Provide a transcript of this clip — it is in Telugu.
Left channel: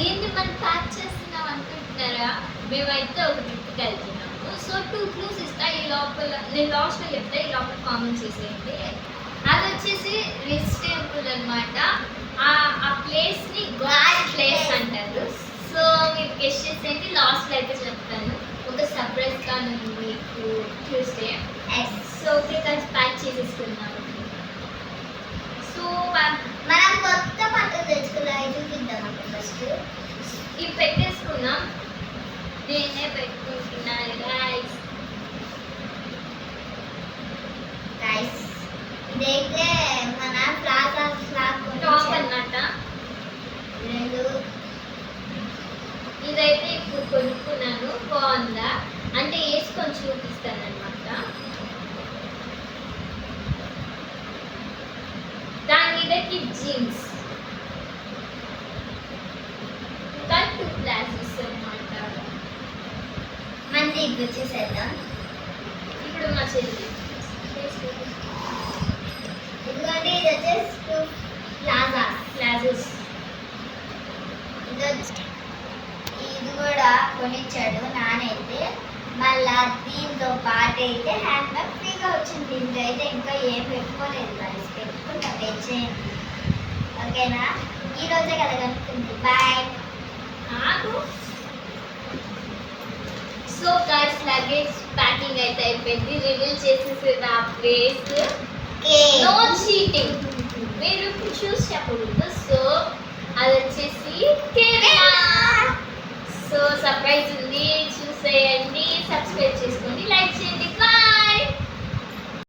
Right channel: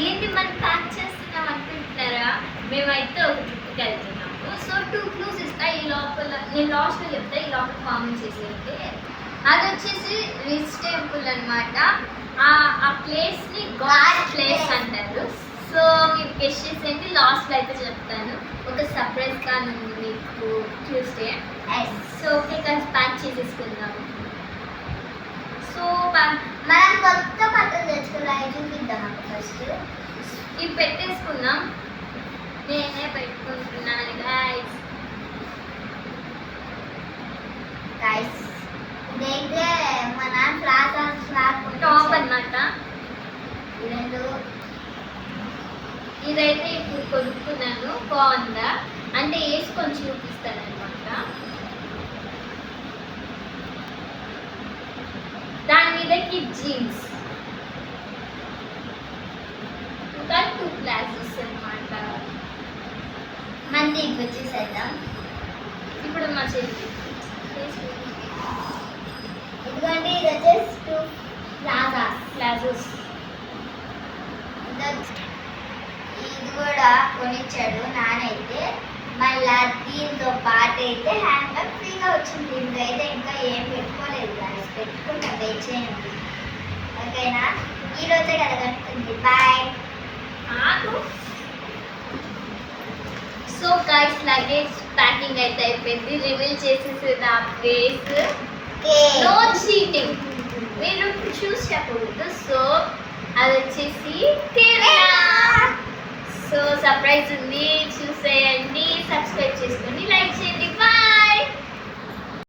ఏంటి మనం ప్యాక్ చేస్తున్నాం అనుకుంటున్నారా? మేమైతే ఒక ట్రిప్కి వెళ్తున్నాము. సో 2 క్లూస్ ఇస్తా, ఈ లోపల నేను లాస్ట్లో చెప్తా, ఈ లోపల కామెంట్ చేసేయండి. అది వచ్చేసి రిచ్ టెంపుల్ అనమాట. ఆ ప్లేస్ని గాడ్ ప్లేస్ అంటారు. సో మీరు గెస్ట్ చేసేయండి, లాస్ట్లో అయితే చెప్తాను. ఒక సర్ప్రైజ్ కానీ మీకు చూస్తే. సో ఓకే కలిసి ప్యాక్ చేసేసుకుందాం. సో మనం కొత్త బట్టలు తెచ్చుకున్నాం, చూపిద్దాం అప్పుడు ఫస్ట్. ఇవి పెట్టేసుకుందాం. నేనే పెట్టుకుంటున్నాను గైస్. గైస్ ఇదైతే మన ప్లాజా టాప్ అన్నమాట. రెండు ఇదైతే ఇప్పుడు కొనుక్కున్నాను, బాగుందా అంటే వేసుకొని చూపిస్తాను అనమాట. దాని మీదకి జీన్స్, ఇంకా 2 గ్లాసెస్ అనమాట. మంది వచ్చేసేద్దాం. ఇప్పుడు మా చెల్లి ఎందుకంటే ఇది వచ్చేసి 2 ప్లాజోస్. ఇది కూడా కొనిచ్చాడు నానైతే. మళ్ళా దీంతో పాటు అయితే హ్యాండ్ బ్యాగ్ ఫ్రీగా వచ్చింది. దీంట్లో అయితే ఇంకా ఏం పెట్టుకోలేదు, కానీ పెట్టుకుంటా, వెయిట్ చేయండి ఓకేనా. ఈరోజే కదా కనుక్కుంది. బాయ్. ఆగు. సో గైస్ లగేజ్ ప్యాకింగ్ అయితే అయిపోయింది. రివీల్ చేసేసేది ఆ ప్లేస్. నో చీటింగ్, మీరు చూసి చెప్పకూడదు. సో అది వచ్చేసి కేరళ. సో సర్ప్రైజ్ ఉంది, చూసేయండి, సబ్స్క్రైబ్ చేసుకోండి, లైక్ చేయండి.